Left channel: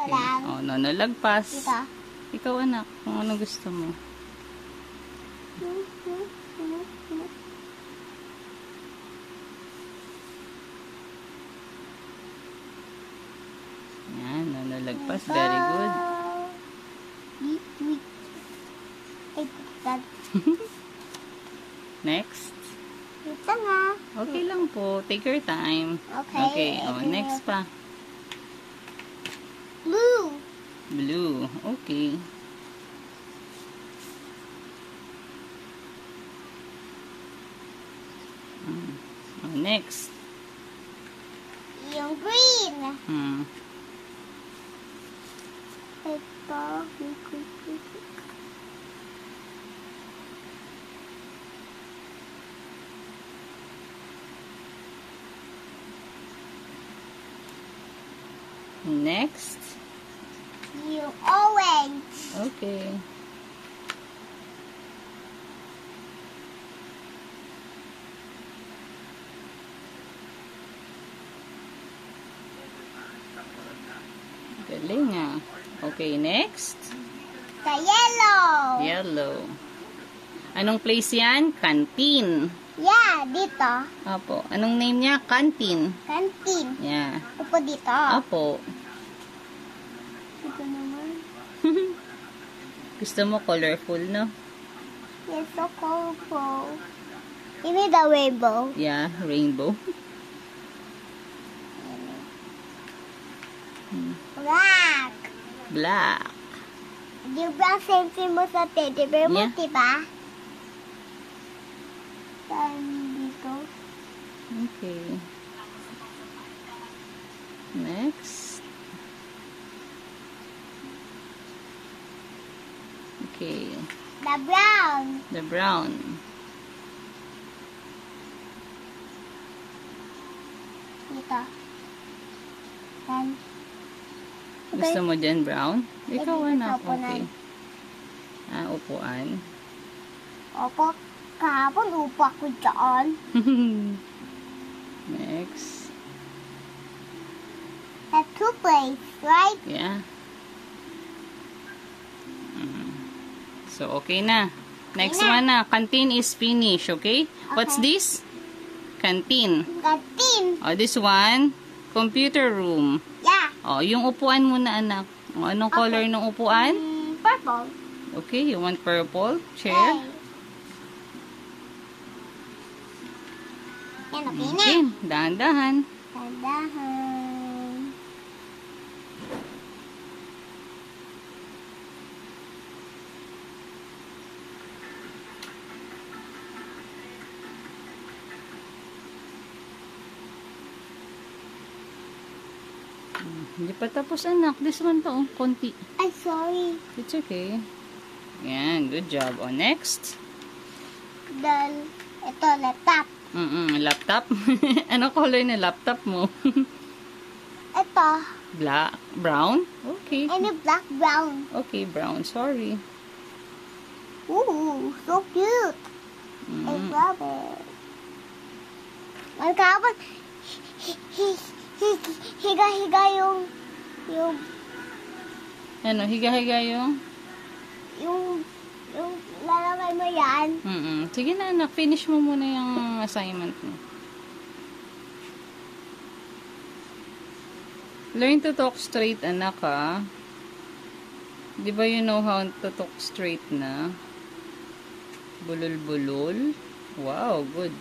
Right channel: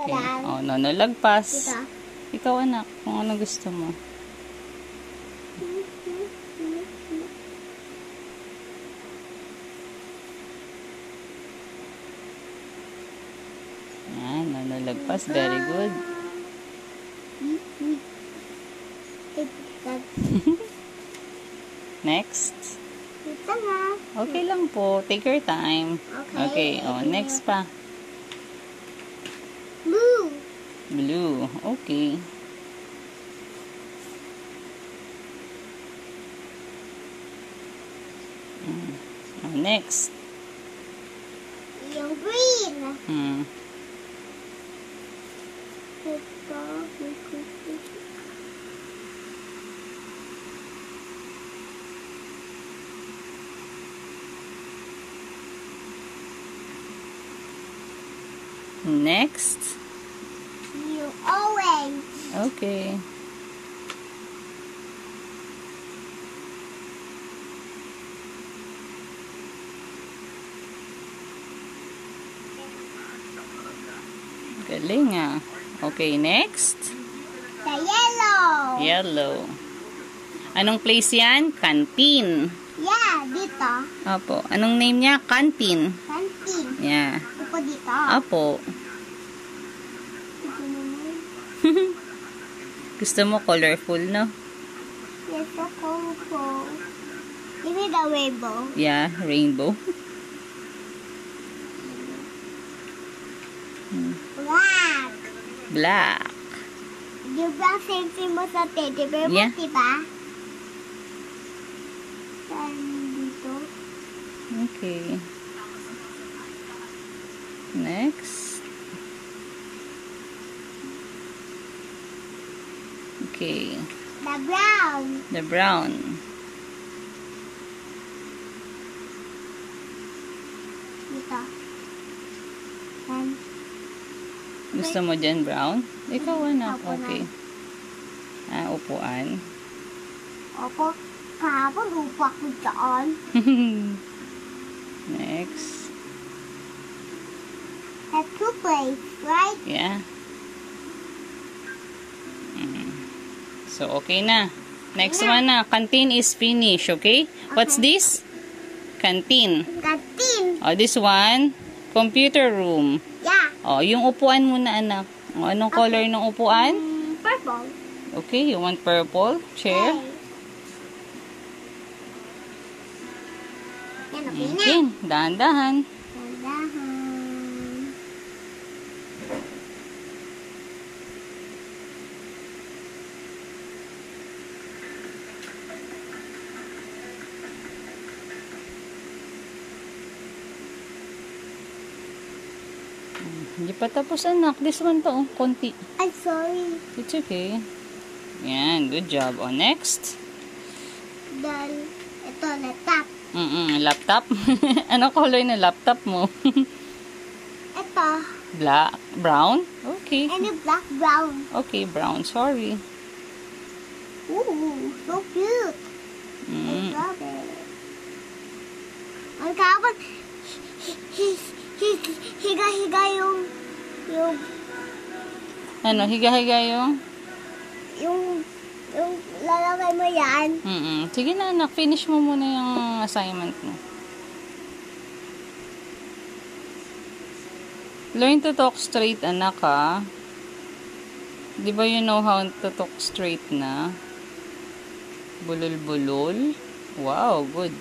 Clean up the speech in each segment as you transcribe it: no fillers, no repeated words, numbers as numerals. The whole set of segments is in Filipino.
Okay. Oh, no, lagpas. Diba? Ikaw, anak, kung ano gusto mo. Yan, no, lagpas. Very good. Next. Ito na. Okay lang po. Take your time. Okay. Oh, next pa. Blue. Blue. Okay. Oh, next. Yung green. Ito. Next. Yung orange. Okay. Galing ah. Okay, next. The yellow. Yellow. Anong place yan? Canteen. Yeah, dito. Apo. Anong name niya? Canteen. Canteen. Yeah. Upo dito. Apo. Ito naman. Gusto mo colorful, no? Ito colorful. You mean the rainbow? Yeah, rainbow. Black. Black. Di ba same mo sa teddy bear mo, Yeah. diba? Saan dito? Okay. Next. Okay. The brown. The brown. Dito. Saan? Gusto mo dyan brown? Ikaw anak. Upuan. Okay. Ah, upuan. Opo. Kahapon upo ako dyan. Next. That's two place, right? Yeah. So, okay na. Next one na. Canteen is finished, okay? What's this? Canteen. Canteen. Oh, this one, computer room. Yeah. Oh, yung upuan muna, anak. Oh, anong color ng upuan? Purple. Okay, you want purple? Chair? Yan, okay na. Okay, dahan-dahan. Tandahan. Hindi pa tapos, anak. This one to, oh, konti. I'm sorry. It's okay. Yan, good job. Oh, next. Then, ito, laptop. Laptop. Anong color na laptop mo? Ito. Black, brown? Okay. And a black brown. Okay, brown. Sorry. Ooh, so cute. I love it. Ang kapag higa-higa yung Ano, higa-higa yung? yung lalagay mo yan. Sige na, anak. Finish mo muna yung assignment mo. Learn to talk straight, anak, ha? Di ba you know how to talk straight na? Bulol-bulol. Wow, good.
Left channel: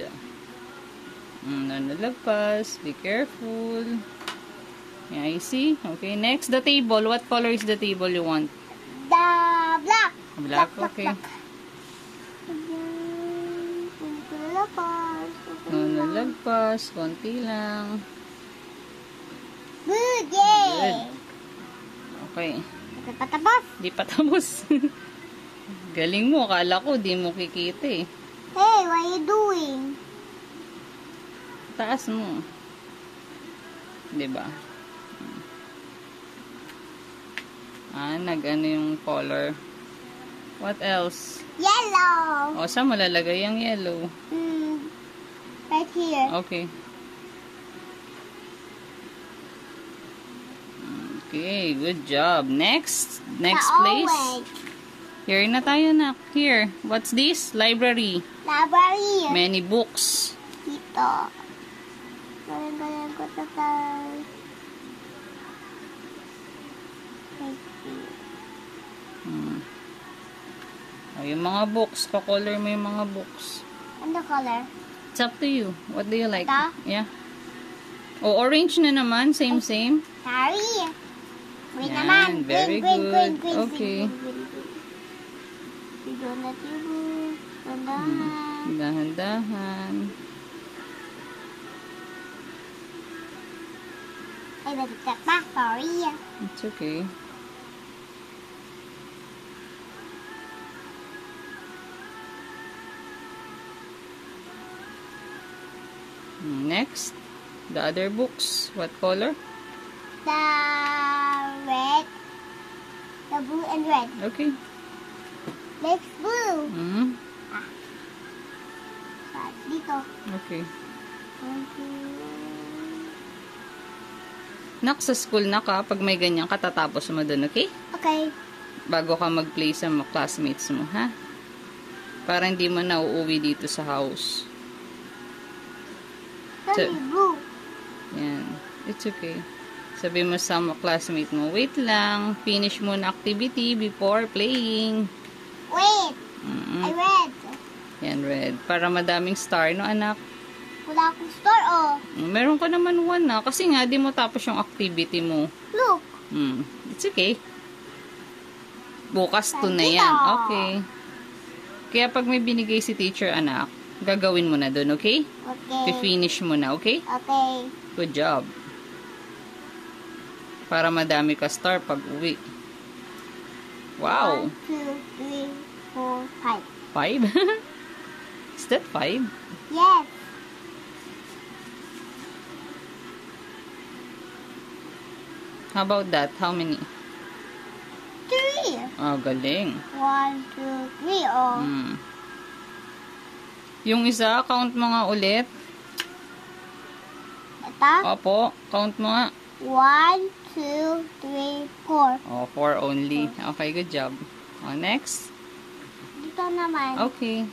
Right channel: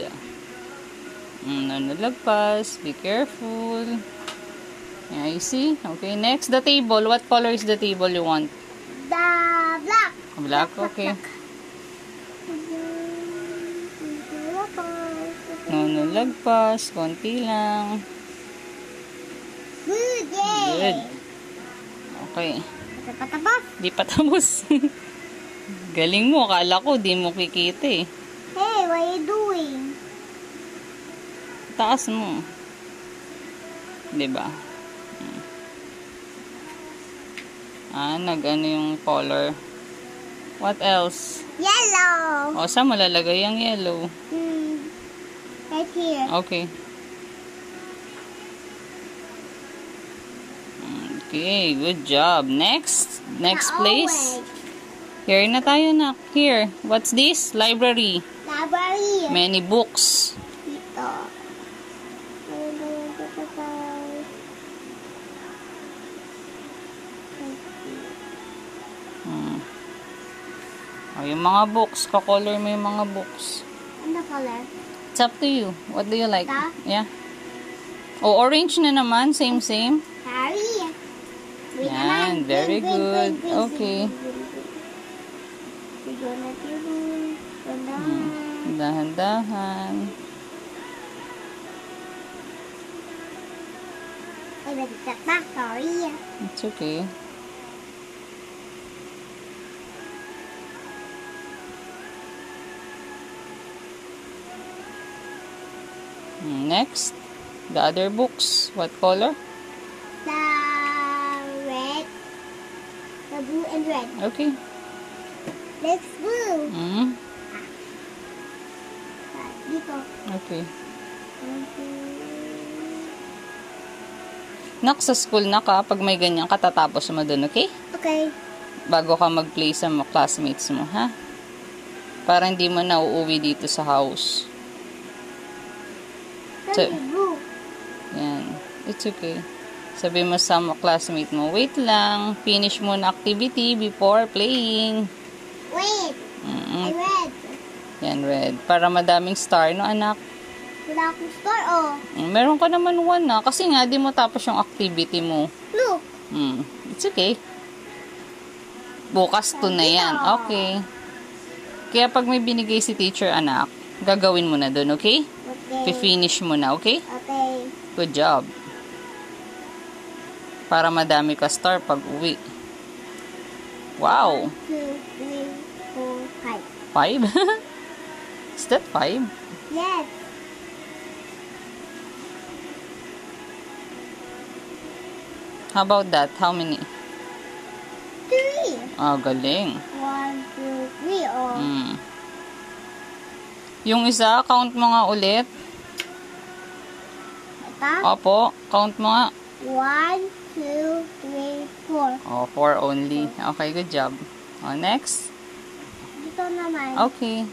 Nalagpas. Be careful. Yeah, you see? Okay, next, the table. What color is the table you want? The black. Black, okay. Nalagpas. Konti lang. Good, yay. Good. Okay. Ito pa tapos. Di pa tapos. Galing mo. Akala ko di mo kikita eh. Hey, what are you doing? Taas mo. Diba? Nag-ano yung color. What else? Yellow. O, saan mo lalagay yung yellow? Right here. Okay. Okay, good job. Next The place. orange. Here na tayo na. Here. What's this? Library. Library. Many books. Dito. Bayan ko sa tayo. Oh, yung mga books. Ka-color mo yung mga books. Ano color? It's up to you. What do you like? Ito? Yeah. Oh, orange na naman. Same. Harry. Wait Yan, naman. very Green, good. green, green, Okay. green. Sigaw na tibo. Tandahan. Dahan-dahan. Ay, balikat na. Sorry. It's okay. Next, the other books. What color? The red. The blue and red. Okay. Next blue. Dito. Okay. Nak, sa school na ka, pag may ganyan, katatapos mo dun, okay? Okay. Bago ka mag-play sa mga classmates mo, ha? Para hindi mo na uuwi dito sa house. So, Blue. yan. It's okay. Sabi mo sa mga classmate mo, wait lang, finish mo na activity before playing. Wait. I red. Yan, red. Para madaming star, no, anak? Wala akong store, oh. Meron ka naman one na. Kasi nga, di mo tapos yung activity mo. Look. It's okay. Bukas to na yan. Okay. Kaya pag may binigay si teacher, anak, gagawin mo na dun, okay? Okay. Finish mo na, okay? Okay. Good job. Para madami ka star pag uwi. Wow. 1, 2, 3, 4, 5. 5? Is that 5? Yes. How about that? How many? 3. Ah, galing. 1, 2, 3, oh. Yung isa, count mo nga ulit. Ito? Opo, count mo nga. 1, 2, 3, 4. Oh, 4 only. Okay, good job. Oh, next. Dito naman. Okay.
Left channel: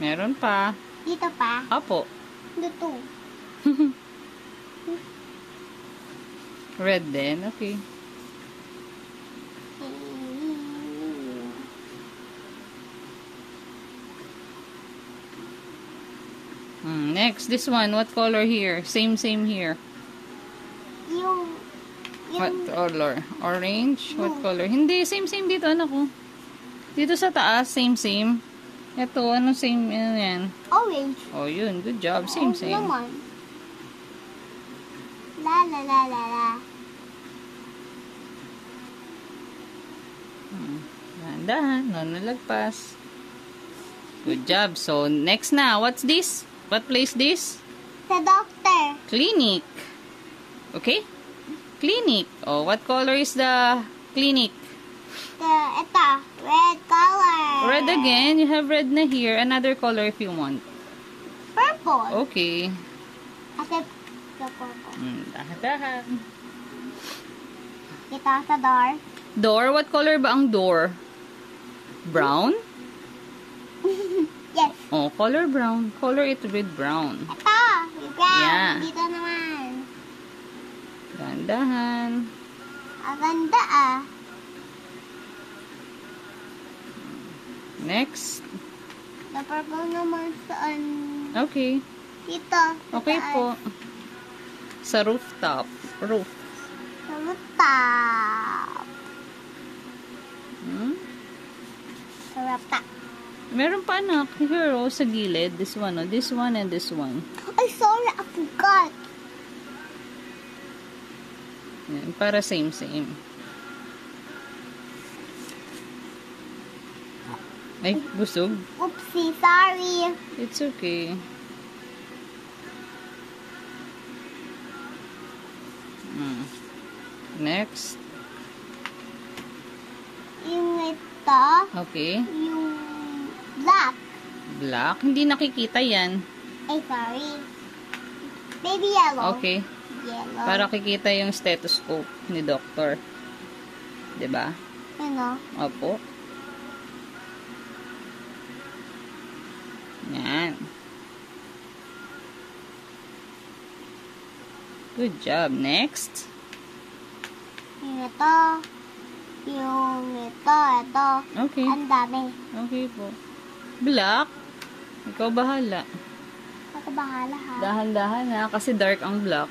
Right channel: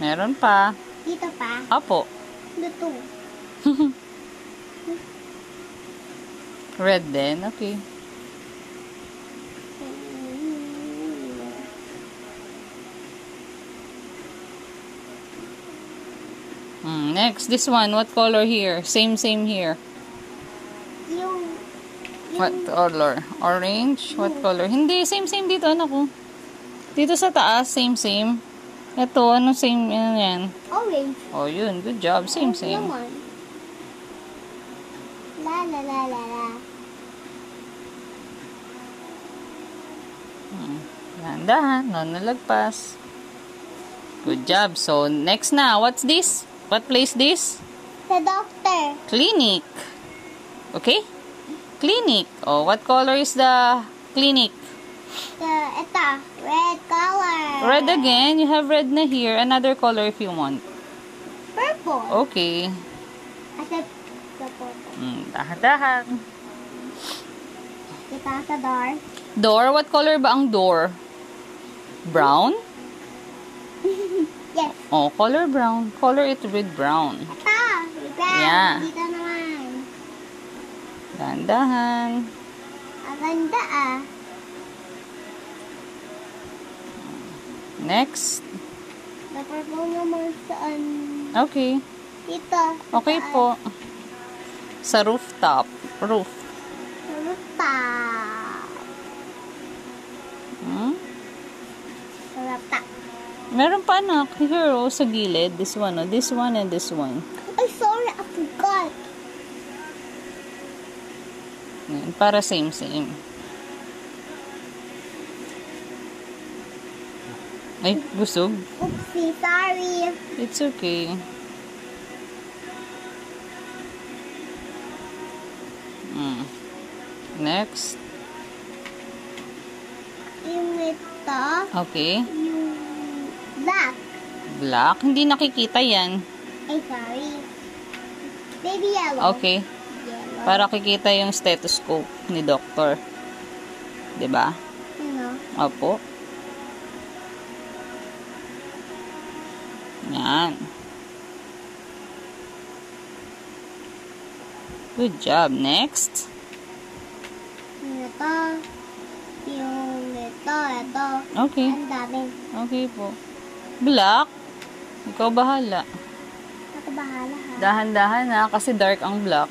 Meron pa. Dito pa. Opo. Dito. Red din. Okay. Next, this one. What color here? Same here. Yung What color? Orange? What color? Hindi, same dito, anak ko. Dito sa taas, same. Ito, ano same, ano yan? orange. Oh, yun. Good job. Same. Naman. La. Dahan, no nalagpas. Good job. So, next na. What's this? What place this? The doctor. Clinic. Okay? Clinic. Oh, what color is the clinic? Ito. Red color. Red again. You have red na here. Another color if you want. Purple. Okay. Kasi the purple. Dahan. Ito sa door. Door? What color ba ang door? Brown? Yes. Oh, color brown. Color it with brown. Ito. Brown. Yeah. Dito naman. Dahan. Ang ganda ah. Next. The purple naman saan? Okay. Dito. Okay Saan? po. Sa rooftop. Roof. Sa rooftop. Sa rooftop. Meron pa anak. Here, oh, sa gilid. This one, oh. This one and this one. Ay, sorry. I forgot. Yan, para same. Ay, busog. Oopsie. Sorry. It's okay. Next. Yung ito. Okay. Yung black. Black. Hindi nakikita yan. Ay, sorry. Baby yellow. Okay. Yellow. Para kikita yung stethoscope ni doctor. 'Di ba? You know. Opo. Yan. Good job. Next. Yung ito. Yung ito. Okay. Ang dami. Okay po. Black. Ikaw bahala. Ako bahala ha. Dahan-dahan ha, kasi dark ang black.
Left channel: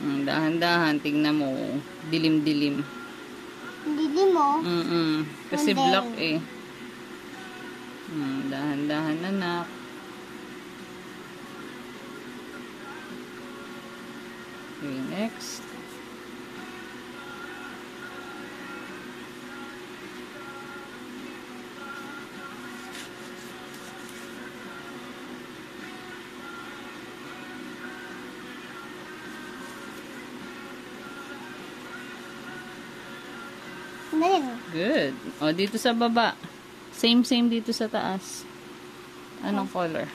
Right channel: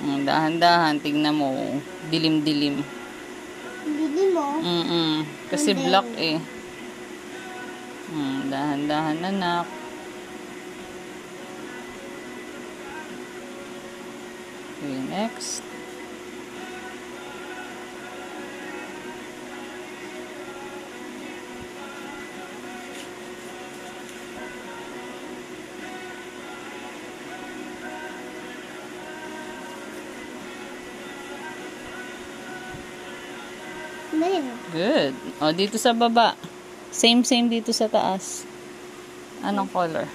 Dahan-dahan, tignan mo. Dilim-dilim. Hindi mo. Kasi And then, black eh. Dahan-dahan anak. Okay, next. Good. O, dito sa baba. Same dito sa taas. Anong color?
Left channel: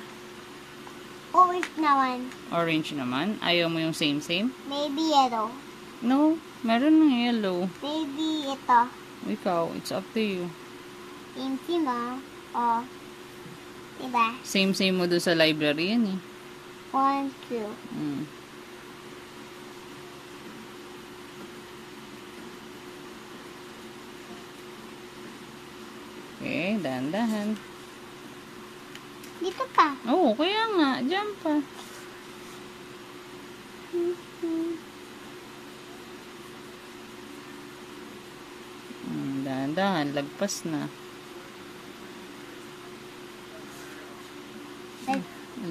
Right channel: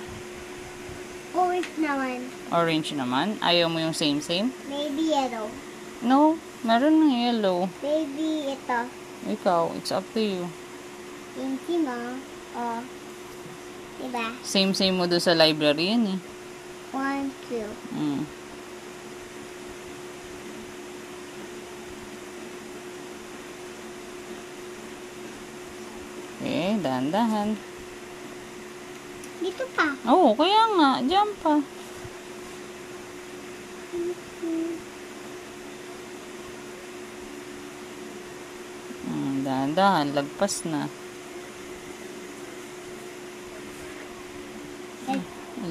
Orange naman. Orange naman. Ayaw mo yung same? Maybe yellow. No. Meron ng yellow. Maybe ito. Ikaw. It's up to you. Pinky mo. O. Diba? Same mo doon sa library yan eh. 1, 2. Okay, dahan-dahan. Dito pa. Oo, kaya nga. Diyan pa. Dahan-dahan. Lagpas na.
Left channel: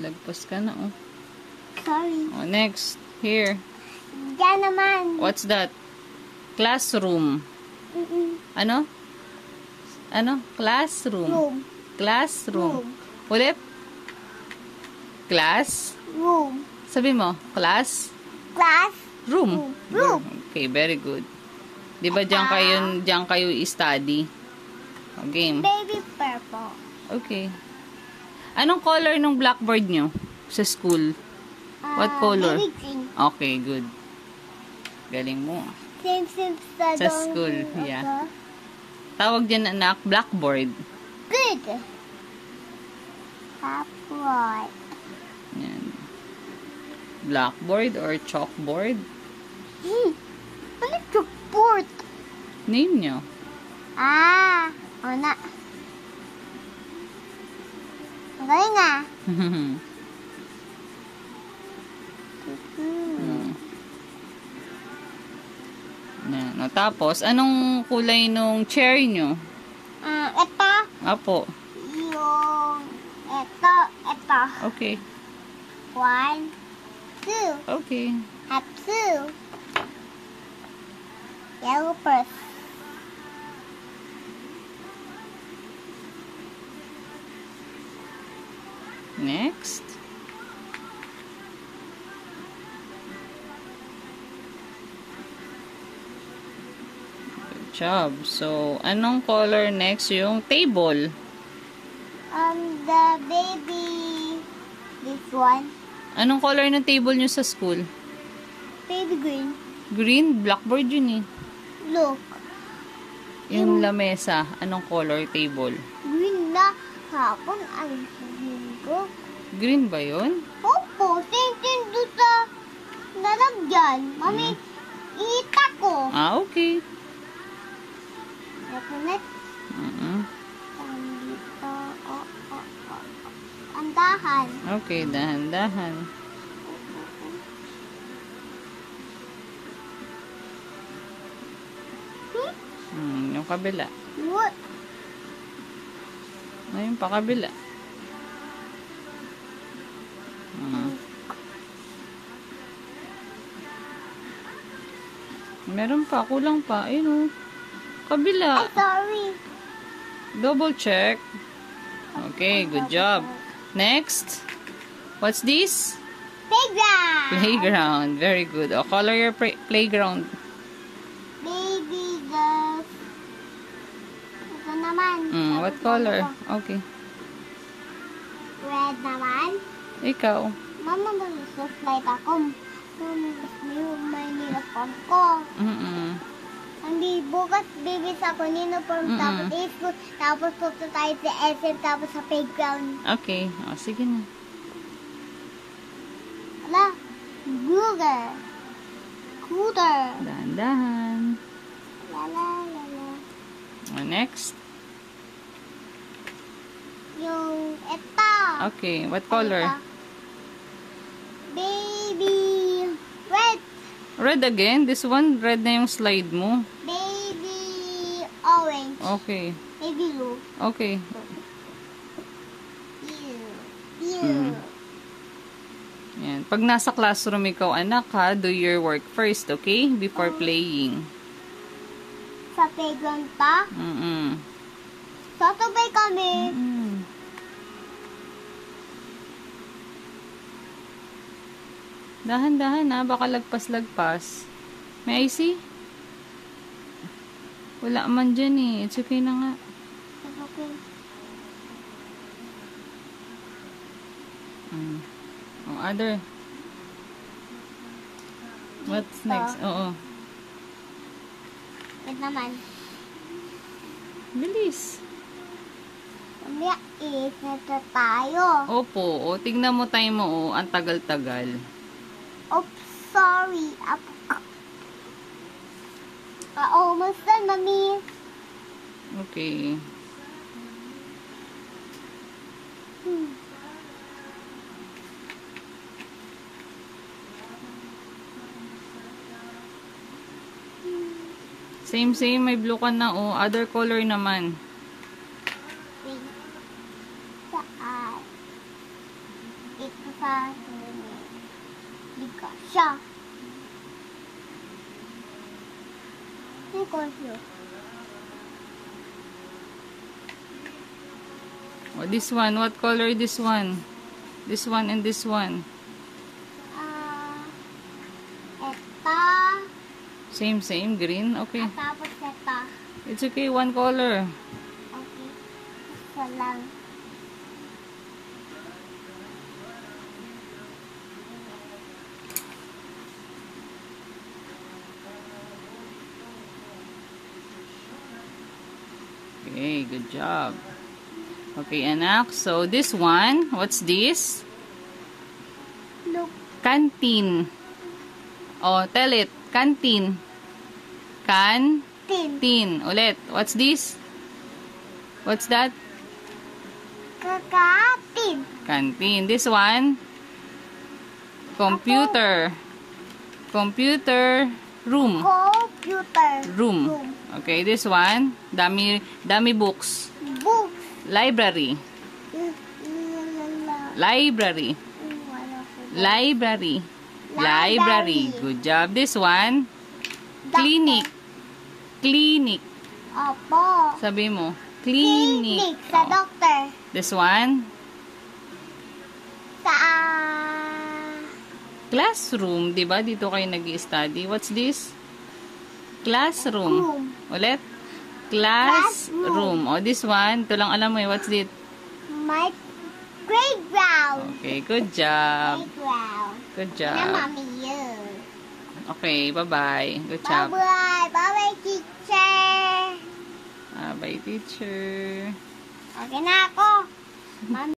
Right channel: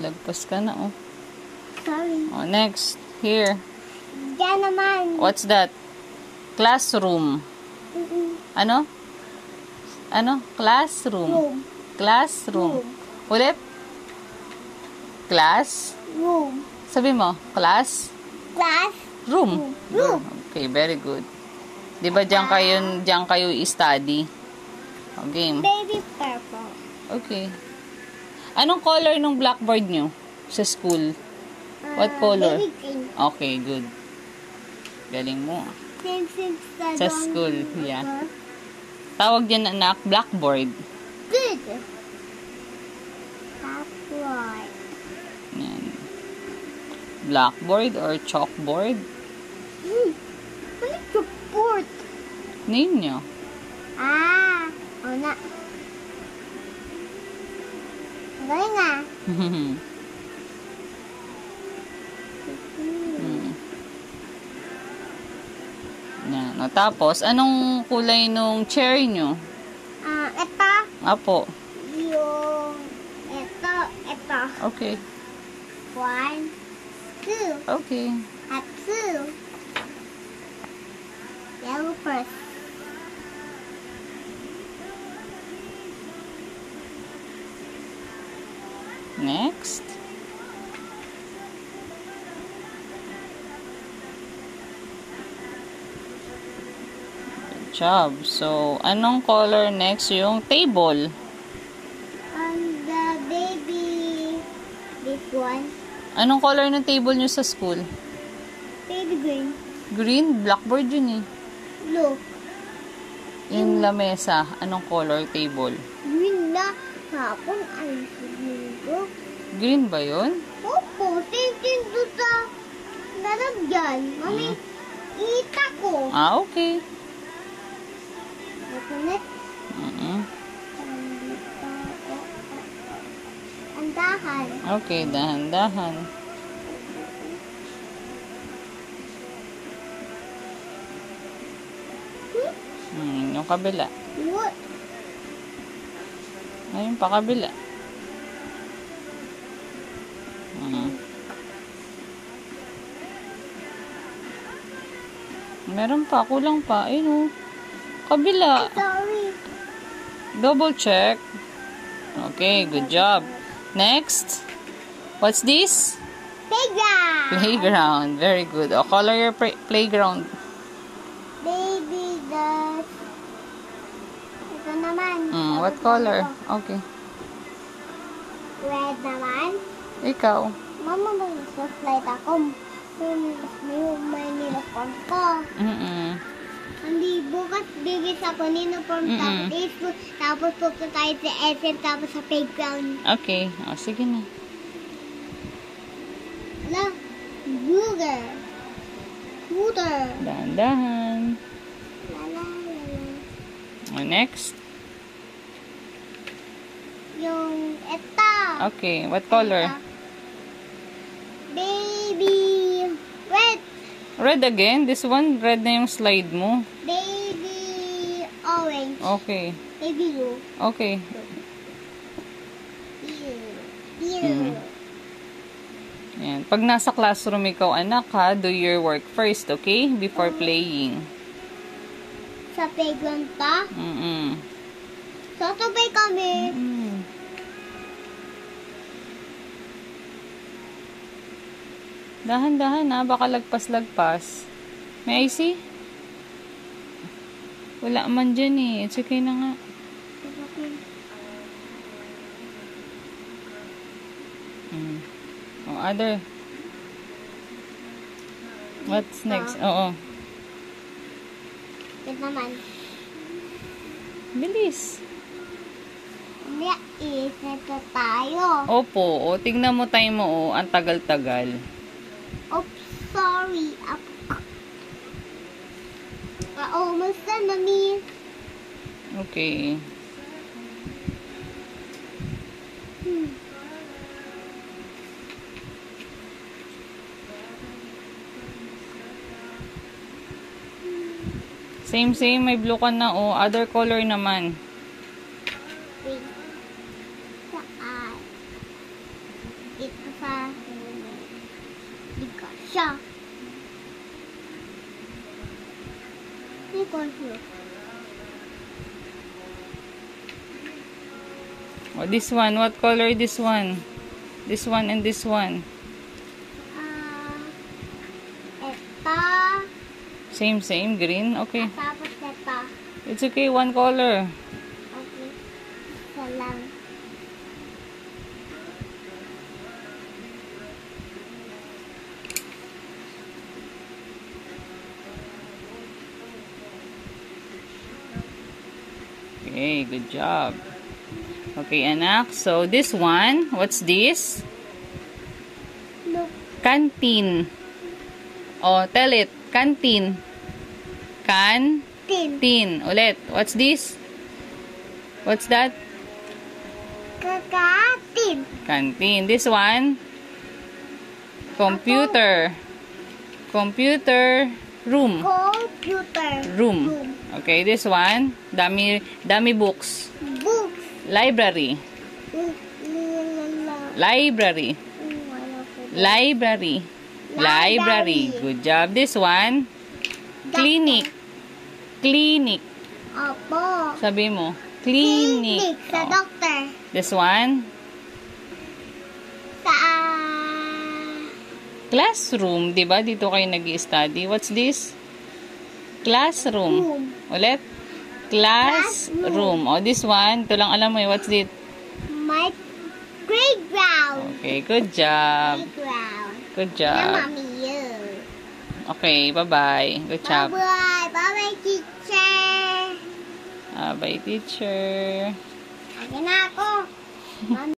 Lagpas ka na, oh. Sorry. Oh, next. Here. Diyan naman. What's that? Classroom. Ano? Classroom. Room. Classroom. Ulit? Class? Room. Sabi mo, class? Class. Room. Room. Okay, very good. Di ba diyan kayo i-study? Okay. Baby purple. Okay. Anong color ng blackboard nyo sa school? What color? Baby green. Okay, good. Galing mo. Same Sa school, yeah. Tawag dyan anak, blackboard. Good. Blackboard. Yan. Blackboard or chalkboard? Ano chalkboard? Name nyo. O na. Magaling nga. Yan. O, tapos, anong kulay nung chair nyo? Ito. Apo. Yung ito. Okay. 1, 2. Okay. At 2. Yellow first. Next. Good job. So, anong color next? Yung table. The baby. This one. Anong color ng table nyo sa school? Baby green. Green? Blackboard yun eh. Look. Yung lamesa. Anong color table? Green na. Hapon. Ayun siguro. Green ba yun? Opo. Tingin doon sa lalagyan. Mami, ita ko. Okay. Ito next. Dito. Andahan. Okay, dahan-dahan. Yung kabila. What? Ayun pa kabila. Meron pa, kulang pa. Ayun o. Kabila. Sorry. Double check. Okay, good job. Next. What's this? Playground. Playground. Very good. O, color your playground. Baby does. Ito naman. What color? Okay. Red naman. Ikaw. Mama, mag-slide ako. May uniform ko. Hindi, bukas bibis ako ng uniform. Tapos pupunta tayo sa SM, tapos sa playground. Okay. O, sige na. Ala, Google. Cooter. Dahan-dahan. Lala. O, next. Yung ito. Okay. What color? Baby red. Red again? This one, red na yung slide mo. Baby orange. Okay. Baby blue. Okay. Blue. Yan. Pag nasa classroom ikaw, anak ha, do your work first, okay? Before playing. Sa playground pa? Sasabay kami. Dahan-dahan ha, baka lagpas-lagpas. May I see? Wala man dyan eh. It's okay na nga. Oh, other. What's next? Oo. Ito naman. Bilis. Hindi, ito tayo. Opo. O, tignan mo time mo. O, ang tagal-tagal. Oops, sorry. Almost done, Mommy. Okay. Same, may blue ka na, oh. Other color naman. Saan? Ito sa bigas siya. Oh, this one. What color is this one? This one and this one. Ito. Same. Green. Okay. Tapos ito. It's okay. One color. Okay. Isa lang. Okay. Good job. Okay, anak. So, this one. What's this? Look. Canteen. Oh, tell it. Canteen. Canteen. Ulit. What's this? What's that? Kakatin. Canteen. This one? Computer. Computer room. Computer Room. Okay, this one? Dami books. Books. Library. Library. Library. Library. Good job. This one? Clinic. Clinic. Opo. Sabi mo. Clinic. Sa doctor. This one? Sa Classroom. Diba? Dito kayo nag-i-study. What's this? Classroom. Ulit? Classroom. O, this one. Ito lang alam mo eh. What's it? my playground. Okay, good job. Playground. Good Yeah, job. Mommy, you. Okay, bye-bye. Good job. Bye-bye. Bye-bye, teacher. Bye, teacher. Lagi na ako. Mommy.